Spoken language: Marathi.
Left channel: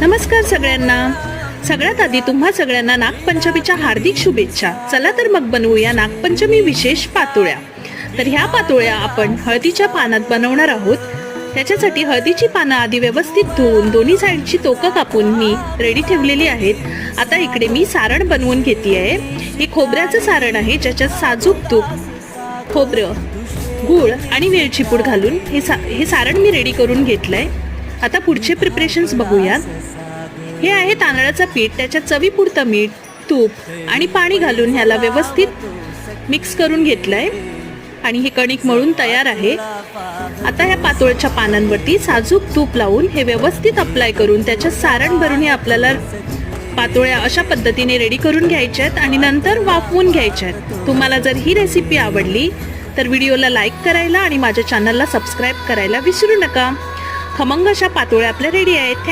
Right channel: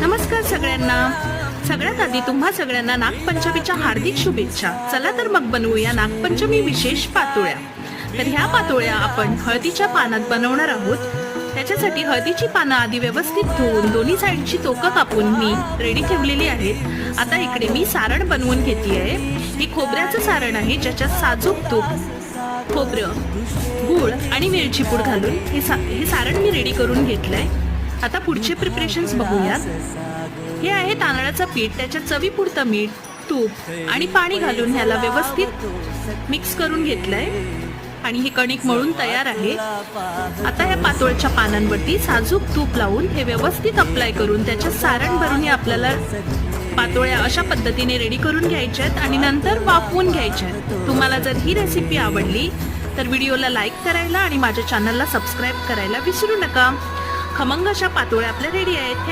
नमस्कार सगळ्यांना. सगळ्यात आधी तुम्हा सगळ्यांना नागपंचमीच्या हार्दिक शुभेच्छा. चला तर मग बनवूया नागपंचमी विशेष पातोळ्या. तर ह्या पातोळ्या आपण हळदीच्या पानात बनवणार आहोत. त्याच्यासाठी हळदीची पानं आधी व्यवस्थित धुवून दोन्ही साईडची टोकं कापून मी रेडी ठेवलेली आहेत. आता इकडे मी सारण बनवून घेते आहे हे खोबऱ्याचं सारण आहे ज्याच्यात साजूक तूप खोबरं गूळ आणि वेलची पूड घालून हे सा हे सारण मी रेडी करून घेतलंय. आता पुढचे प्रिपरेशन्स बघूयात. हे आहे तांदळाचं पीठ त्याच्या चवीपुरतं मीठ तूप आणि पाणी घालून ह्याला व्यवस्थित मिक्स करून घेतलंय. आणि हे कणिक मळून तयार आहे. आता ह्या पातोळच्या पानांवरती साजूक तूप लावून हे व्यवस्थित अप्लाय करून त्याच्यात सारण भरून हे आपल्याला पातोळ्या अशा पद्धतीने रेडी करून घ्यायच्या आहेत आणि नंतर वाफवून घ्यायच्या आहेत. तुम्हाला जर ही रेसिपी आवडली तर व्हिडिओला लाईक करायला आणि माझ्या चॅनलला सबस्क्राईब करायला विसरू नका. खमंग अशा पातोळ्या आपल्या रेडी आहेत.